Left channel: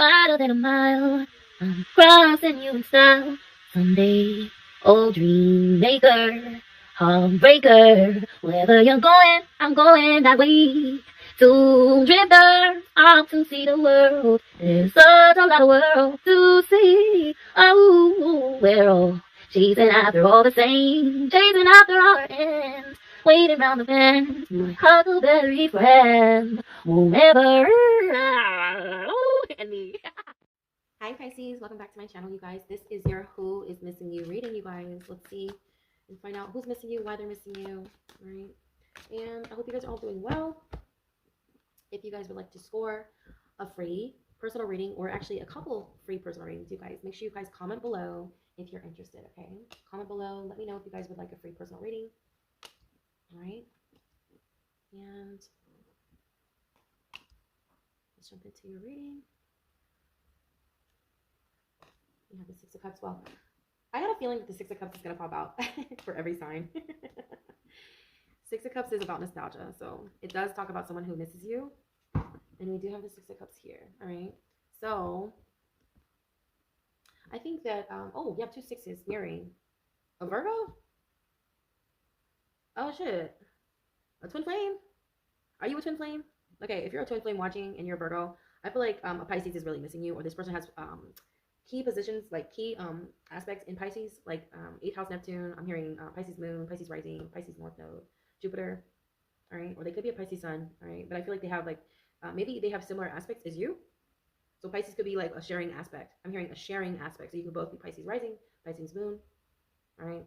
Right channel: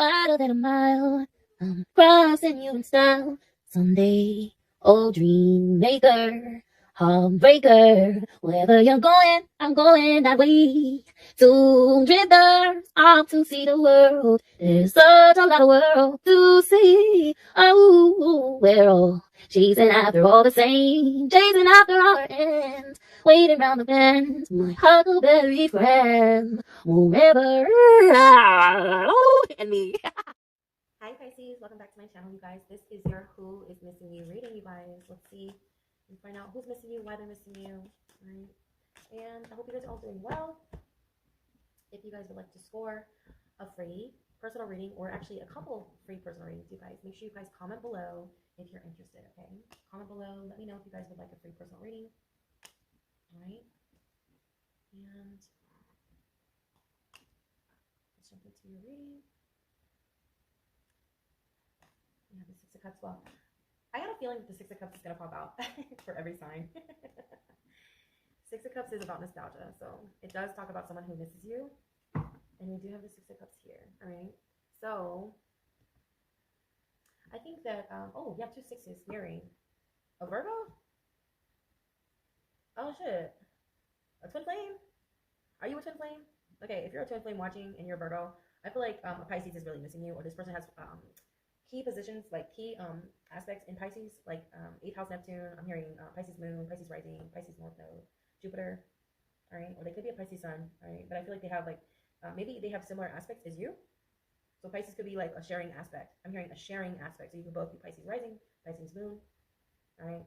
wider than a mile. I'm crossing you in style someday. Oh, dream maker, heartbreaker. Wherever you're going, I'm going that way. Two drifters out to see the world. There's such a lot of world to see. Oh, we're all chasing after all the same, chasing after our ends, waiting round the bend. My huckleberry friend, whoever. And me. Hi Pisces, welcome back to my channel, you guys. This is your Who is Missing You reading, you guys. Let's see and find out who's missing you, why they're missing you. All right. And I hope you guys are all doing well. If you guys would like to score a free personal reading, or actually a couple free personal readings, you guys, make sure you guys comment below if you're interested, okay? Comment below, let me know if you guys would like a free personal reading. All right. And let's jump into your reading. You have the Six of Cups. Well, I had a feeling that the Six of Cups is going to pop out for every sign. Six of Cups is about nostalgia, so it does talk about someone who misses you. And we do have the Six of Cups here, all right? So I think that, oh, you have two sixes mirroring. A Virgo? Oh, shit. A twin flame? Are you a twin flame? Okay, if you're a twin flame watching and you're a Virgo, I feel like a Pisces is really missing you, or this person has key positions, like key aspects in Pisces, like 8th house Neptune. I'm hearing Pisces moon, Pisces rising, Pisces north node, Jupiter, all right? Or they could be a Pisces sun, all right? But I feel like they have like, maybe they have similar aspects as you. So Pisces could be like a sharing aspect. I'm hearing a sharing aspect. So you could both be Pisces rising, Pisces moon, all right?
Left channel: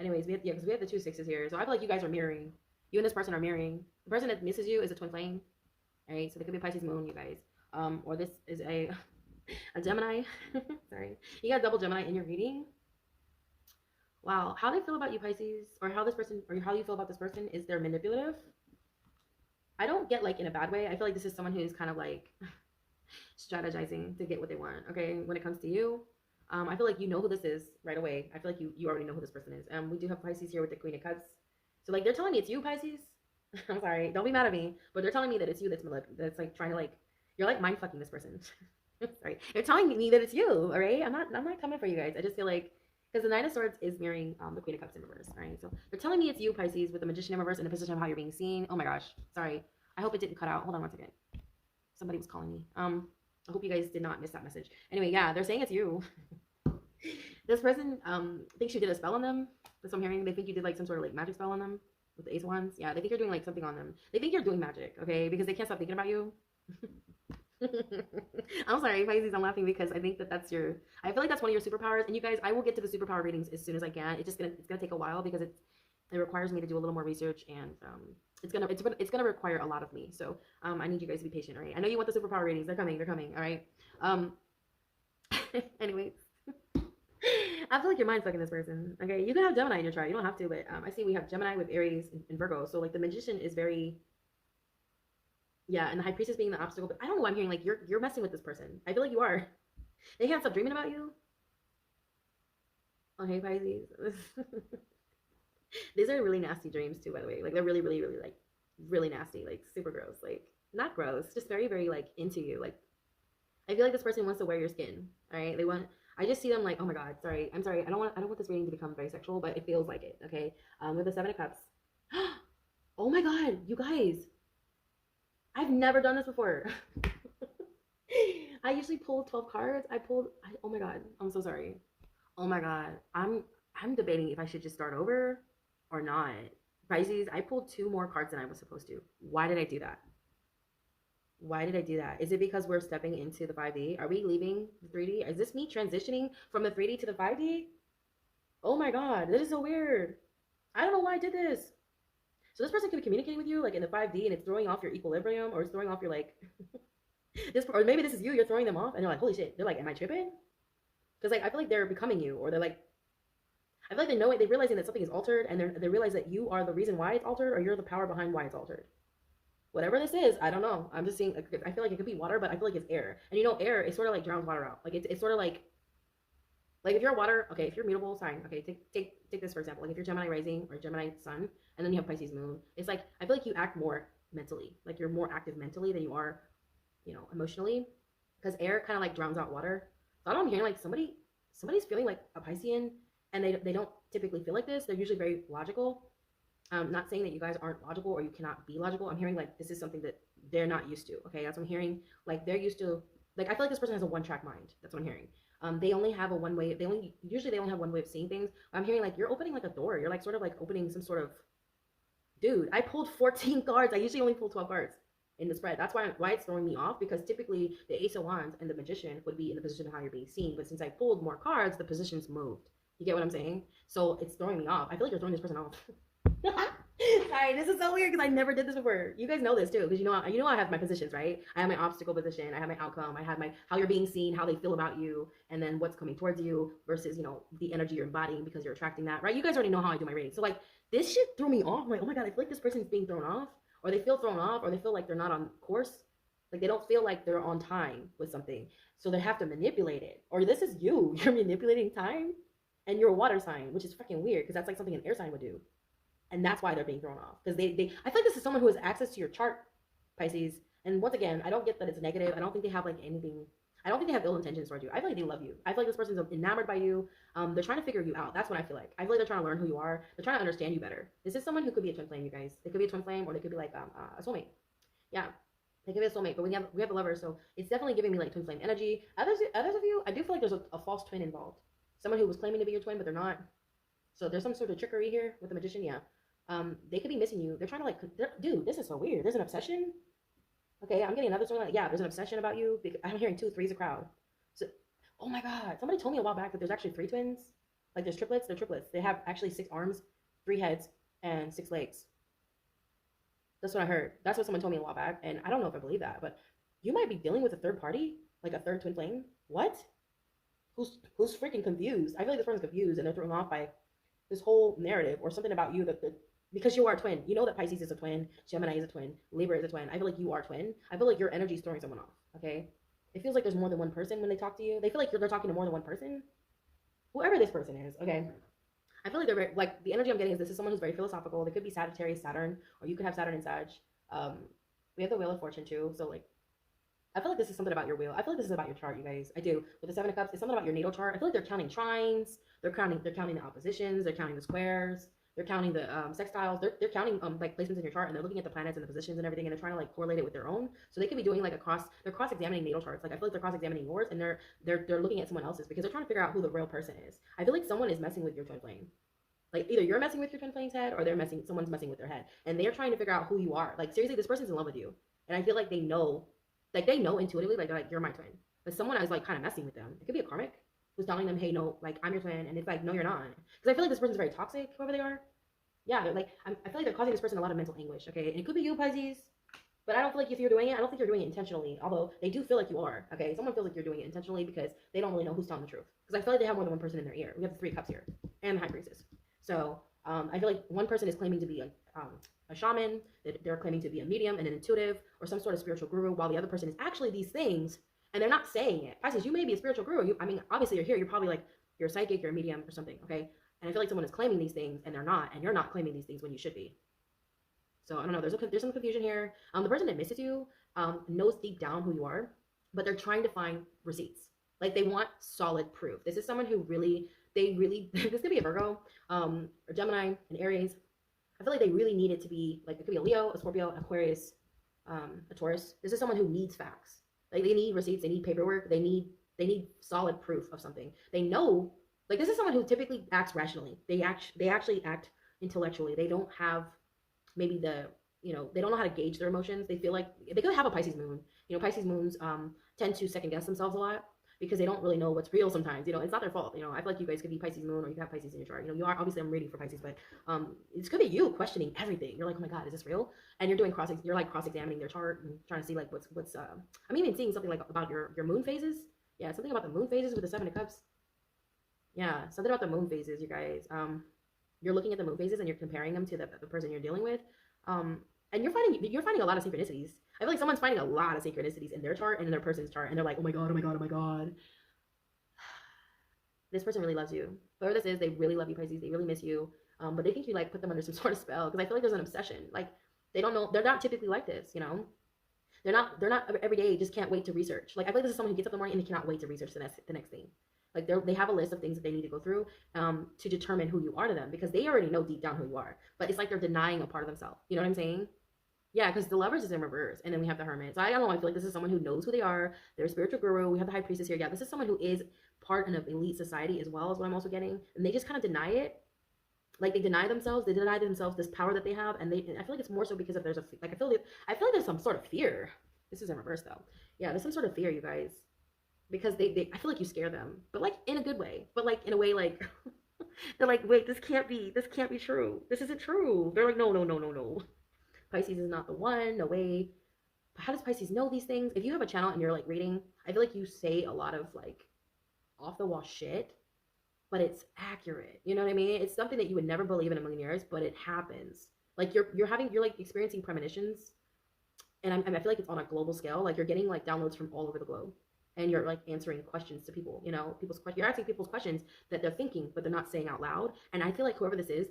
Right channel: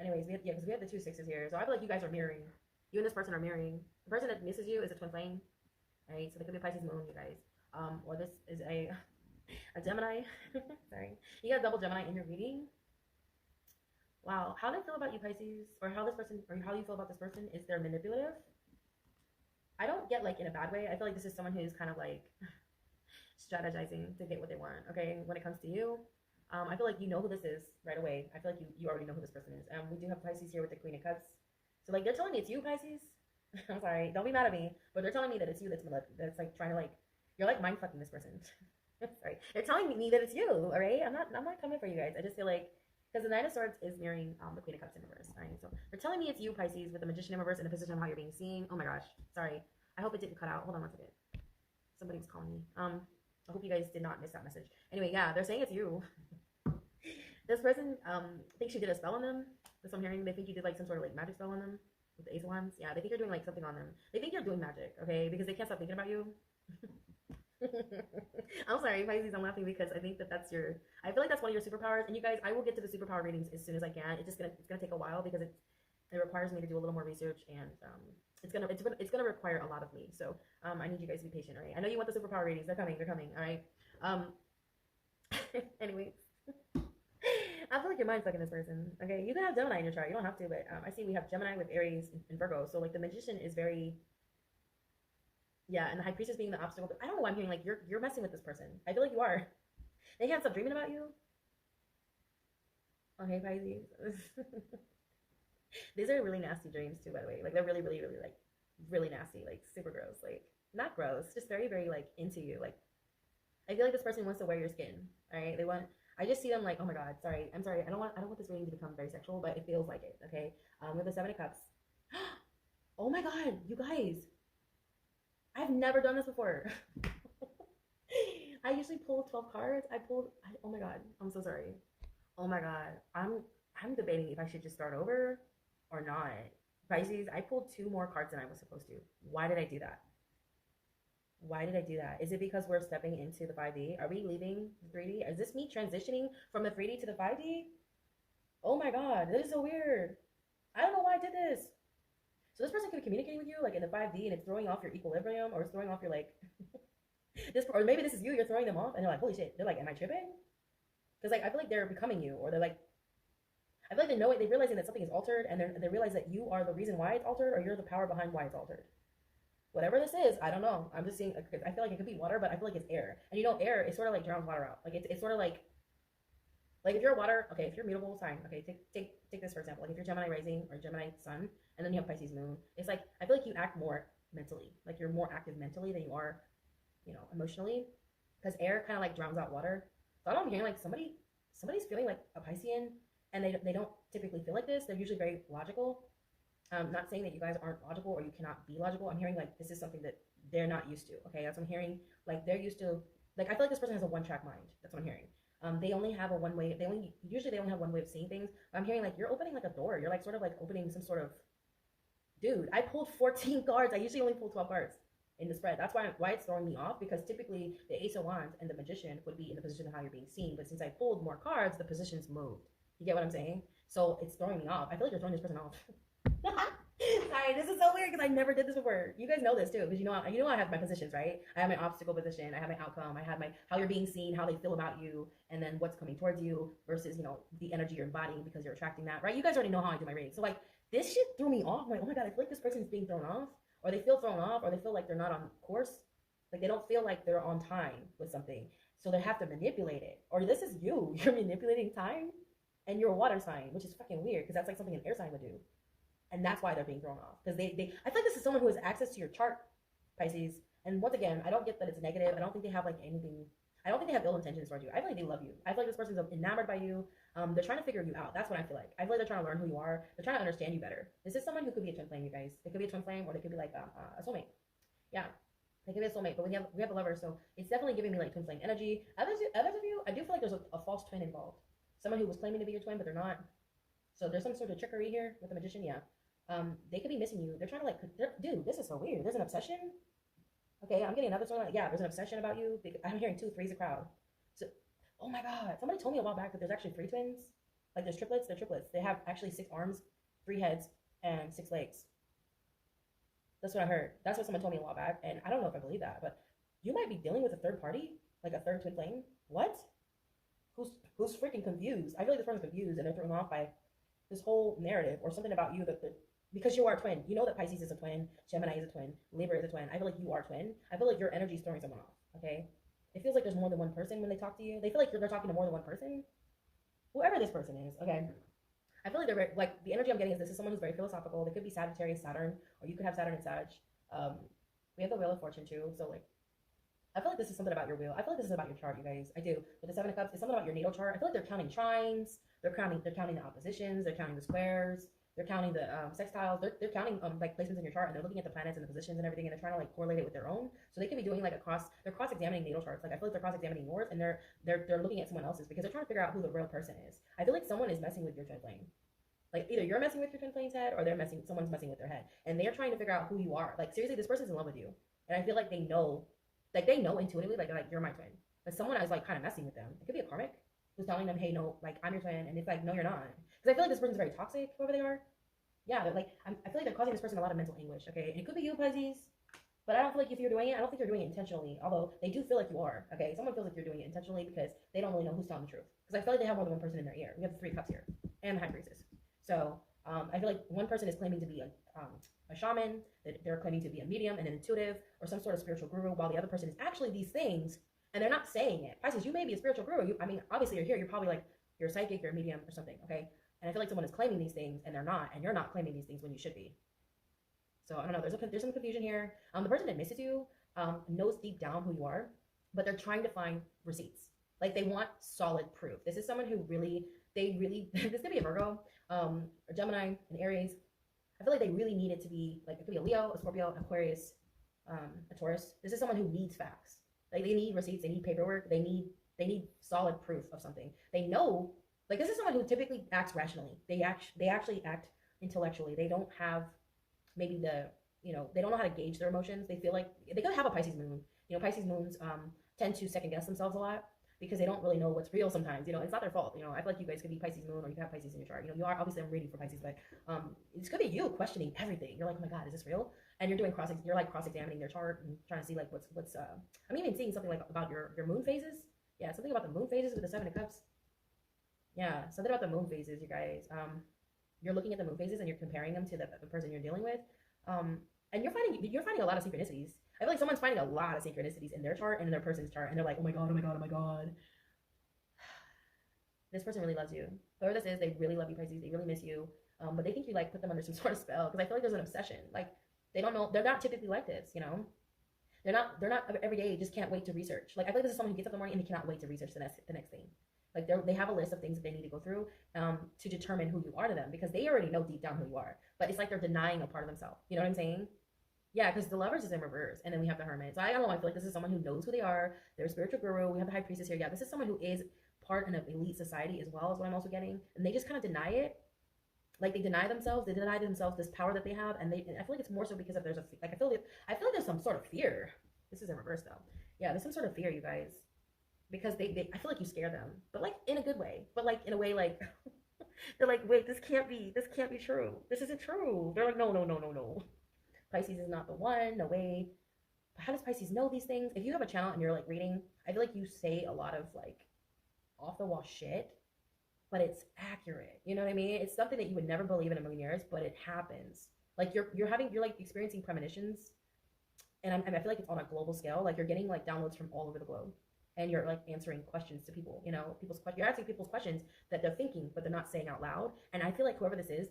Anyways, because we have the two sixes here. So I feel like you guys are mirroring. You and this person are mirroring. The person that misses you is a twin flame, all right? So they could be Pisces moon, you guys. Or this is a Gemini. Sorry. You got double Gemini in your reading. Wow. How they feel about you, Pisces, or how this person, or how you feel about this person, is they're manipulative. I don't get like in a bad way. I feel like this is someone who's kind of like strategizing to get what they want. Okay. When it comes to you, I feel like you know who this is right away. I feel like you already know who this person is. We do have Pisces here with the Queen of Cups. So like they're telling me it's you, Pisces. I'm sorry. Don't be mad at me, but they're telling me that it's you that's like trying to like, you're like mind fucking this person. Sorry. They're telling me that it's you, all right? I'm not coming for you guys. I just feel like, because the Nine of Swords is mirroring the Queen of Cups in reverse, all right? So they're telling me it's you, Pisces, with the Magician in reverse in the position of how you're being seen. Oh my gosh. Sorry. I hope it didn't cut out. Hold on one second. Somebody was calling me. I hope you guys did not miss that message. Anyway, yeah, they're saying it's you. This person thinks you did a spell on them. That's what I'm hearing. They think you did like some sort of like magic spell on them with the Ace of Wands. Yeah, they think you're doing like something on them. They think you're doing magic, okay? Because they can't stop thinking about you. I'm sorry, Pisces. I'm laughing because I think that that's your. I feel like that's one of your superpowers. And you guys, I will get to the superpower readings as soon as I can. It's gonna take a while because it requires me to do a little more research, and it's gonna require a lot of me. So I need you guys to be patient. All right. I know you want the superpower readings. They're coming. They're coming. All right. Anyways. I feel like you're mind fucking this person. Okay, you can have Gemini in your chart. You don't have to, but I see we have Gemini with Aries and Virgo. So like the Magician is very, yeah, and the High Priestess being the obstacle. But I don't know why I'm hearing like you're messing with this person. I feel like you are. They can't stop dreaming about you. Okay, Pisces. These are really nasty dreams too, by the way. Like they're really, really, really like really nasty, like super gross. Like not gross, just very, very like into you. Like I feel like this person wants to wear your skin. All right, they want. I just see them like, oh my god, sorry, I'm sorry. I don't want this reading to become very sexual, but it feels like it. Okay, with the Seven of Cups. Oh my god, you guys, I've never done this before. I usually pull 12 cards. Oh my god, I'm so sorry. Oh my god, I'm debating if I should just start over or not. Pisces, I pulled two more cards than I was supposed to. Why did I do that? Why did I do that? Is it because we're stepping into the 5D? Are we leaving the 3D? Is this me transitioning from the 3D to the 5D? Oh my god, this is so weird. I don't know why I did this. So this person could be communicating with you like in the 5D, and it's throwing off your equilibrium, or it's throwing off your like this, or maybe this is you. You're throwing them off, and you're like, holy shit. They're like, am I tripping? Because like I feel like they're becoming you, or they're like, I feel like they know it. They're realizing that something is altered, and they realize that you are the reason why it's altered, or you're the power behind why it's altered. Whatever this is, I don't know. I'm just seeing. I feel like it could be water, but I feel like it's air. And you know, air is sort of like drowns water out. Like it's sort of like if you're water. Okay, if you're mutable sign. Okay, take this for example. Like if you're Gemini rising or Gemini sun, and then you have Pisces moon. It's like I feel like you act more mentally. Like you're more active mentally than you are, emotionally. because air kind of like drowns out water. So I don't, I'm hearing like somebody's feeling like a Piscean, and they don't typically feel like this. They're usually very logical. I'm not saying that you guys aren't logical or you cannot be logical. I'm hearing like this is something that they're not used to. Okay, that's what I'm hearing. Like they're used to, like I feel like this person has a one track mind. That's what I'm hearing. They only have a one way. They only usually they only have one way of seeing things. I'm hearing like you're opening like a door. You're like sort of like opening some sort of, dude. I pulled 14 cards. I usually only pull 12 cards in the spread. That's why it's throwing me off, because typically the Ace of Wands and the Magician would be in the position of how you're being seen. But since I pulled more cards, the positions moved. You get what I'm saying? So it's throwing me off. I feel like you're throwing this person off. Sorry, this is so weird because I never did this before. You guys know this too, because you know I have my positions, right? I have my obstacle position, I have my outcome, I have my how you're being seen, how they feel about you, and then what's coming towards you versus the energy you're embodying because you're attracting that, right? You guys already know how I do my reading. So like this shit threw me off. I'm like, oh my god, I feel like this person's being thrown off, or they feel thrown off, or they feel like they're not on course, like they don't feel like they're on time with something, so they have to manipulate it. Or this is you, you're manipulating time, and you're a water sign, which is freaking weird because that's like something an air sign would do. And that's why they're being thrown off, because they I feel like this is someone who has access to your chart, Pisces. And once again, I don't get that it's negative. I don't think they have like anything. I don't think they have ill intentions towards you. I feel like they love you. I feel like this person's enamored by you. They're trying to figure you out. That's what I feel like. I feel like they're trying to learn who you are. They're trying to understand you better. This is someone who could be a twin flame, you guys. They could be a twin flame, or they could be like a soulmate. Yeah, they could be a soulmate. But we have a lover, so it's definitely giving me like twin flame energy. Others of you, I do feel like there's a false twin involved. Someone who was claiming to be your twin, but they're not. So there's some sort of trickery here with the Magician. Yeah. They could be missing you. They're trying to like, dude, this is so weird. There's an obsession. Okay, I'm getting another story. Like, yeah, there's an obsession about you. I'm hearing 2, 3's a crowd. So, oh my god, somebody told me a while back that there's actually 3 twins. Like there's triplets. They're triplets. They have actually 6 arms, 3 heads, and 6 legs. That's what I heard. That's what someone told me a while back, and I don't know if I believe that, but you might be dealing with a third party, like a third twin flame. What? Who's freaking confused? I feel like this person's confused and they're thrown off by this whole narrative or something about you that because you are a twin. You know that Pisces is a twin, Gemini is a twin, Libra is a twin. I feel like you are a twin. I feel like your energy is throwing someone off. Okay, it feels like there's more than one person when they talk to you. They feel like they're talking to more than one person. Whoever this person is, okay. I feel like they're very, like the energy I'm getting is this is someone who's very philosophical. They could be Sagittarius, Saturn, or you could have Saturn and Sag. We have the Wheel of Fortune too, so like I feel like this is something about your wheel. I feel like this is about your chart, you guys. I do. With the 7 of Cups, it's something about your natal chart. I feel like they're counting trines. They're counting the oppositions. They're counting the squares. They're counting the sextiles. They're counting like placements in your chart, and they're looking at the planets and the positions and everything, and they're trying to like correlate it with their own. So they could be doing like they're cross-examining natal charts. Like I feel like they're cross-examining yours, and they're looking at someone else's because they're trying to figure out who the real person is. I feel like someone is messing with your twin flame. Like either you're messing with your twin flame's head, or someone's messing with their head, and they're trying to figure out who you are. Like seriously, this person's in love with you, and I feel like they know. Like they know intuitively, like they're like, you're my twin. But someone is like kind of messing with them. It could be a karmic who's telling them, hey, no, like I'm your twin, and it's like, no, you're not. Because I feel like this person's very toxic, whoever they are. Yeah, they're like, I feel like they're causing this person a lot of mental anguish. Okay, and it could be you, Pisces. But I don't feel like if you're doing it, I don't think you're doing it intentionally. Although they do feel like you are. Okay, someone feels like you're doing it intentionally because they don't really know who's telling the truth. Because I feel like they have more than one person in their ear. We have the 3 cups here and the High Priestess. So I feel like one person is claiming to be a shaman, that they're claiming to be a medium and an intuitive or some sort of spiritual guru, while the other person is actually these things and they're not saying it. Pisces, you may be a spiritual guru. I mean, obviously you're here. You're probably like, you're a psychic, you're a medium or something, okay? And I feel like someone is claiming these things and they're not, and you're not claiming these things when you should be. So I don't know. There's some confusion here. The person that misses you knows deep down who you are, but they're trying to find receipts. Like they want solid proof. This is someone who this could be a Virgo, or Gemini, an Aries. I feel like they really need it to be like, it could be a Leo, a Scorpio, an Aquarius, a Taurus. This is someone who needs facts. Like they need receipts, they need paperwork, they need solid proof of something. They know, like this is someone who typically acts rationally. They actually act intellectually. They don't have maybe they don't know how to gauge their emotions. They feel like they could have a Pisces moon. Pisces moons tend to second guess themselves a lot because they don't really know what's real sometimes. It's not their fault. I feel like you guys could be Pisces moon, or you have Pisces in your chart. You are, obviously I'm reading for Pisces, but this could be you questioning everything. You're like, oh my god, is this real? And you're doing cross-examining their chart and trying to see like what's I'm even seeing something like about your moon phases. Yeah, something about the moon phases with the 7 of Cups. Yeah, something about the moon phases, you guys. You're looking at the moon phases and you're comparing them to the person you're dealing with. And you're finding a lot of synchronicities. I feel like someone's finding a lot of synchronicities in their chart and in their person's chart, and they're like, oh my god, oh my god, oh my god. This person really loves you. Whoever this is, they really love you, Pisces. They really miss you. But they think you like put them under some sort of spell, because I feel like there's an obsession. Like they don't know, they're not typically like this, They're not every day just can't wait to research. Like I feel like this is someone who gets up in the morning and they cannot wait to research the next thing. Like they have a list of things that they need to go through to determine who you are to them, because they already know deep down who you are. But it's like they're denying a part of themselves. You know what I'm saying? Yeah, because the lovers is in reverse, and then we have the hermit. So I don't know. I feel like this is someone who knows who they are. They're a spiritual guru. We have the high priestess here. Yeah, this is someone who is part of an elite society as well, as what I'm also getting, and they just kind of deny it. Like they deny themselves. They deny themselves this power that they have, and I feel like it's more so because of there's a like I feel like there's some sort of fear. This is in reverse though. Yeah, there's some sort of fear, you guys, because they I feel like you scare them, but like in a good way, but like in a way like they're like, wait, this can't be true. This isn't true. They're like, no, no, no, no, no. Pisces is not the one. No way. But how does Pisces know these things? If you have a channel and you're like reading, I feel like you say a lot of like off the wall shit, but it's accurate. You know what I mean? It's something that you would never believe in a million years, but it happens. Like you're like experiencing premonitions, and I feel like it's on a global scale. Like you're getting like downloads from all over the globe, and you're like answering questions to people. You know, people's questions. You're asking people's questions that they're thinking, but they're not saying out loud. And I feel like whoever this is,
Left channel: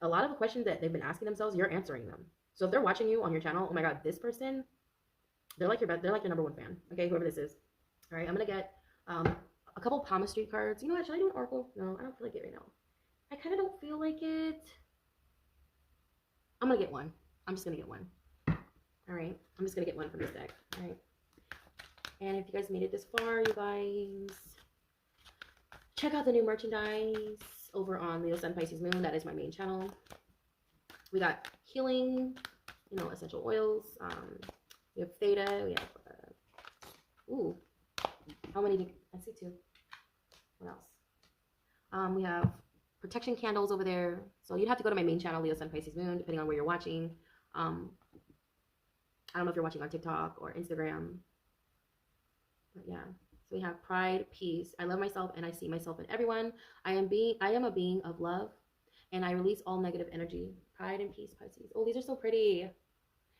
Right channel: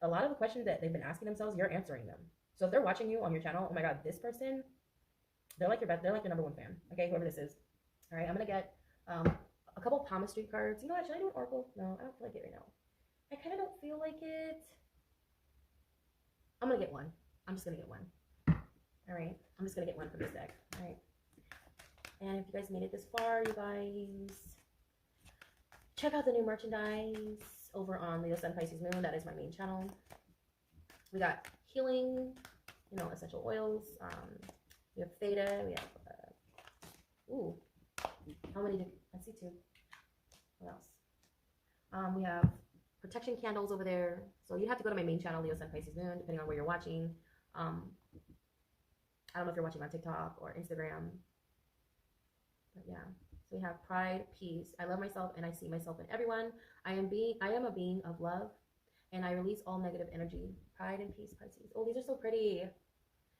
a lot of the questions that they've been asking themselves, you're answering them. So if they're watching you on your channel, oh my god, this person, they're like your best, they're like your number one fan. Okay, whoever this is. All right, I'm gonna get a couple Palma Street cards. You know what? Should I do an oracle? No, I don't feel like it right now. I kind of don't feel like it. I'm gonna get one. I'm just gonna get one. All right, I'm just gonna get one from this deck. All right. And if you guys made it this far, you guys, check out the new merchandise over on Leo Sun Pisces Moon. That is my main channel. We got healing, you know, essential oils. We have theta. We have ooh, how many? I see two. What else? We have protection candles over there. So you'd have to go to my main channel, Leo Sun Pisces Moon, depending on where you're watching. I don't know if you're watching on TikTok or Instagram, but yeah. So we have pride, peace. I love myself and I see myself in everyone. I am a being of love, and I release all negative energy. Pride and peace, Pisces. Oh, these are so pretty.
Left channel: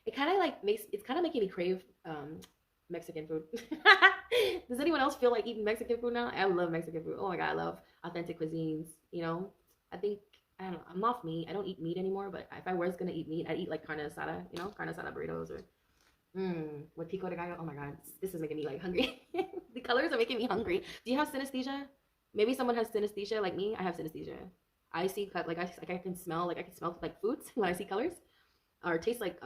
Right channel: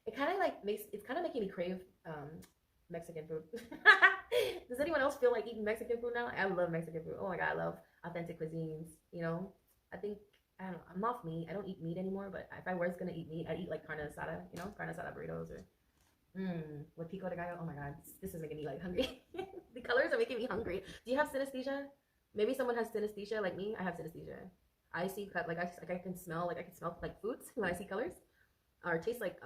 It kind of like it's kind of making me crave Mexican food. Does anyone else feel like eating Mexican food now? I love Mexican food. Oh my god, I love authentic cuisines. You know, I think I don't know. I'm off meat. I don't eat meat anymore. But if I was gonna eat meat, I'd eat like carne asada. You know, carne asada burritos or with pico de gallo. Oh my god, this is making me like hungry. The colors are making me hungry. Do you have synesthesia? Maybe someone has synesthesia like me. I have synesthesia. I see like I can smell like foods when I see colors, or taste like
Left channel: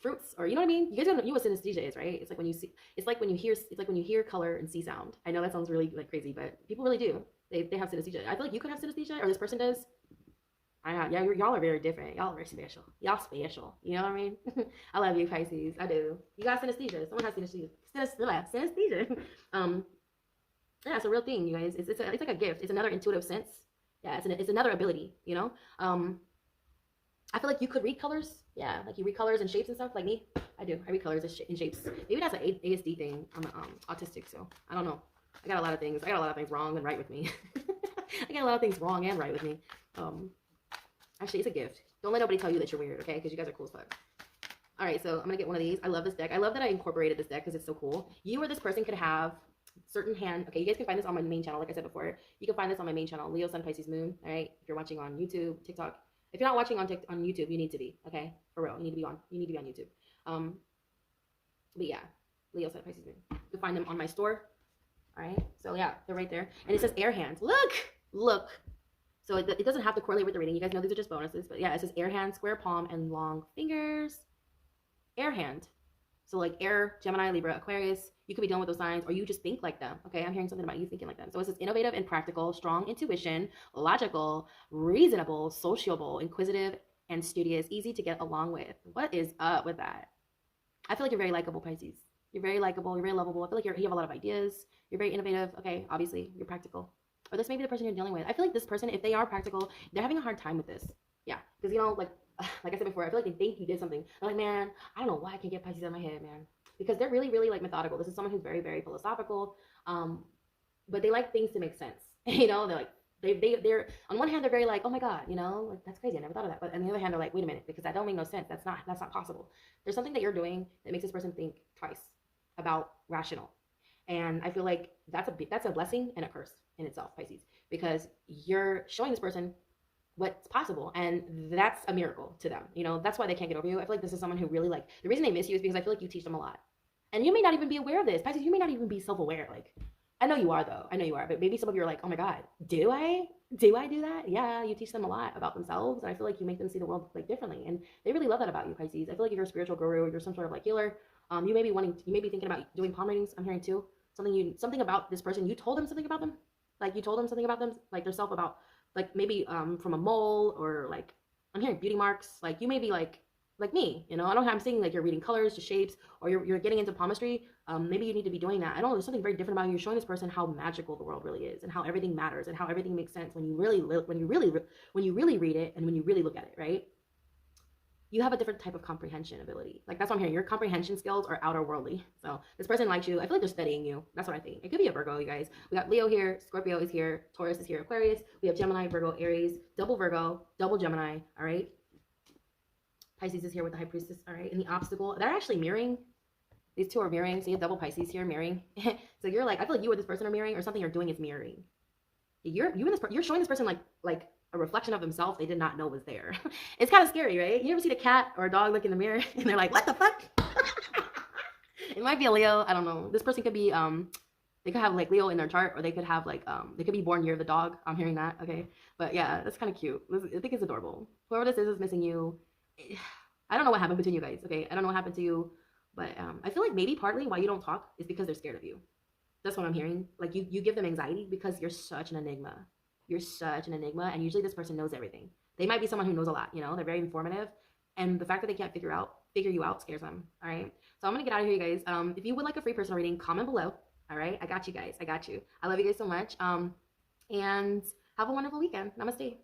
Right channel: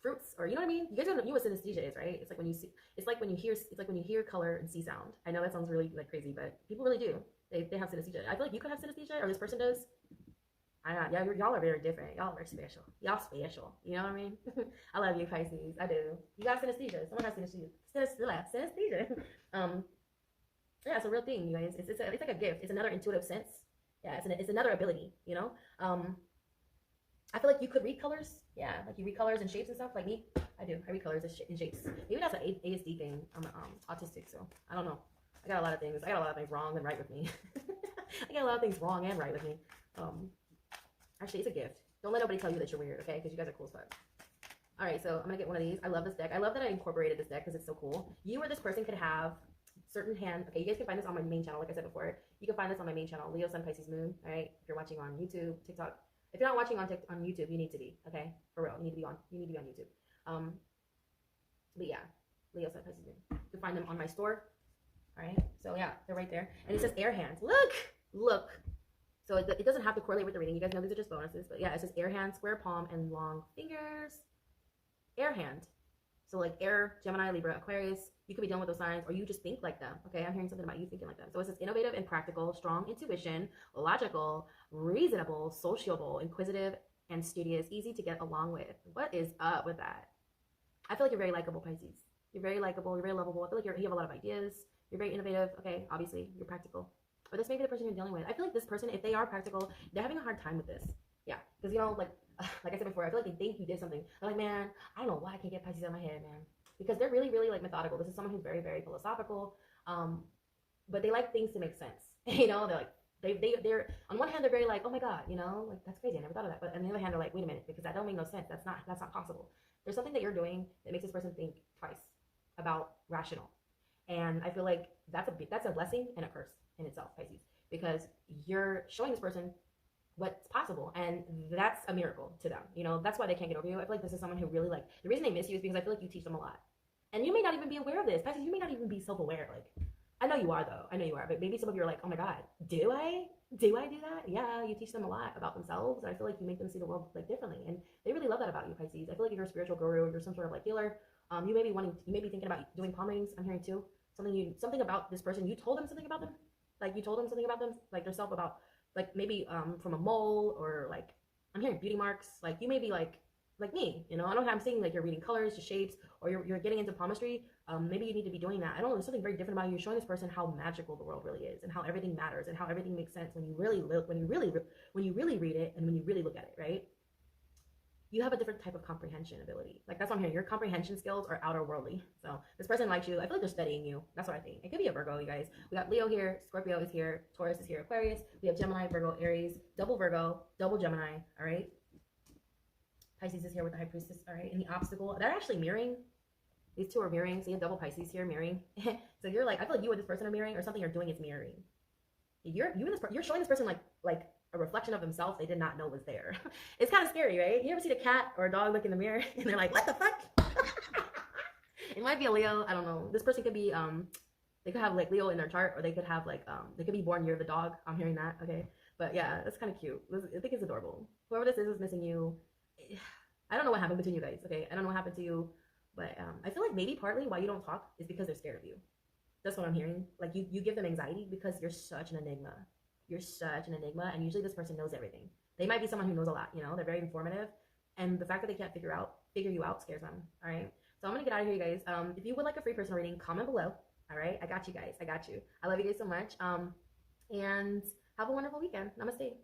fruits, or you know what I mean. You guys know what synesthesia is, right? It's like when you see, it's like when you hear color and see sound. I know that sounds really like crazy, but people really do. They have synesthesia. I feel like you could have synesthesia, or this person does. Yeah, y'all are very different. Y'all are very special. Y'all special. You know what I mean? I love you, Pisces. I do. You got synesthesia. Someone has synesthesia. Synesthesia. Yeah, it's a real thing, you guys. It's like a gift. It's another intuitive sense. Yeah, it's another ability. You know. I feel like you could read colors. Yeah, like you read colors and shapes and stuff, like me. I do. I read colors and shapes. Maybe that's an ASD thing. I'm autistic, so I don't know. I got a lot of things wrong and right with me. I got a lot of things wrong and right with me. Actually, it's a gift. Don't let nobody tell you that you're weird, okay? Because you guys are cool as fuck. All right, so I'm gonna get one of these. I love this deck. I love that I incorporated this deck because it's so cool. You or this person could have certain hand. Okay, you guys can find this on my main channel, like I said before. You can find this on my main channel, Leo Sun Pisces Moon. All right, if you're watching on YouTube, TikTok. If you're not watching on YouTube, you need to be, okay? For real, you need to be on YouTube. But yeah, Leo Sun Pisces Moon. You can find them on my store. All right, so yeah, they're right there, and it says air hands. Look. So it doesn't have to correlate with the reading. You guys know these are just bonuses. But yeah, it says air hand, square palm, and long fingers. Air hand. So like air, Gemini, Libra, Aquarius. You could be dealing with those signs, or you just think like them. Okay, I'm hearing something about you thinking like them. So it says innovative and practical, strong intuition, logical, reasonable, sociable, inquisitive, and studious, easy to get along with. What is up with that? I feel like you're very likable, Pisces. You're very likable. You're very lovable. I feel like you have a lot of ideas. You're very innovative. Okay, obviously, you're practical. Or this may be the person you're dealing with. I feel like this person, if they are practical, they're having a hard time with this. Yeah, because, you know, like I said before, I feel like they think you did something. They're like, man, I don't know why I can't get Pisces out of my head, man. Because they're really, really, like, methodical. This is someone who's very, very philosophical. But they like things to make sense. You know, they're like, they're on one hand, they're very like, oh my God, you know, like, that's crazy. I never thought of that. But on the other hand, they're like, wait a minute, because that don't make no sense. That's not possible. There's something that you're doing that makes this person think twice about rational. And I feel like that's a blessing and a curse in itself, Pisces, because you're showing this person what's possible, and that's a miracle to them. You know, that's why they can't get over you. I feel like this is someone who really, like, the reason they miss you is because I feel like you teach them a lot. And you may not even be aware of this. Pisces, you may not even be self-aware. Like, I know you are though. I know you are. But maybe some of you are like, oh my God, do I? Do I do that? Yeah, you teach them a lot about themselves. And I feel like you make them see the world like differently. And they really love that about you, Pisces. I feel like if you're a spiritual guru, you're some sort of like healer, you may be you may be thinking about doing palm readings. I'm hearing too. Something about this person. You told them something about them. Like you told them something about them, like their self about, like maybe from a mole or like I'm hearing beauty marks. Like you may be like me, you know. I don't know how I'm saying like you're reading colors to shapes or you're getting into palmistry. Maybe you need to be doing that. I don't know. There's something very different about you. You're showing this person how magical the world really is and how everything matters and how everything makes sense when you really when you really read it and when you really look at it, right? You have a different type of comprehension ability. Like that's what I'm hearing. Your comprehension skills are outer worldly. So this person likes you. I feel like they're studying you. That's what I think. It could be a Virgo, you guys. We got Leo here, Scorpio is here, Taurus is here, Aquarius. We have Gemini, Virgo, Aries, double Virgo, double Gemini. All right. Pisces is here with the High Priestess. All right. And the obstacle, they're actually mirroring. These two are mirroring. So you have double Pisces here mirroring. So you're like, I feel like you and this person are mirroring, or something you're doing is mirroring. You're showing this person like a reflection of themselves they did not know was there. It's kind of scary, right? You ever seen a cat or a dog look in the mirror and they're like, what the fuck? It might be a Leo. I don't know. This person could be they could have like Leo in their chart, or they could have like they could be born near the dog. I'm hearing that. Okay. But yeah, that's kind of cute. I think it's adorable. Whoever this is missing you. I don't know what happened between you guys. Okay. I don't know what happened to you, but I feel like maybe partly why you don't talk is because they're scared of you. That's what I'm hearing. Like you give them anxiety because you're such an enigma. You're such an enigma, and usually this person knows everything. They might be someone who knows a lot, you know, they're very informative, and the fact that they can't figure you out scares them. All right. So I'm gonna get out of here, you guys. If you would like a free personal reading, comment below. All right. I got you guys. I got you. I love you guys so much. And have a wonderful weekend. Namaste.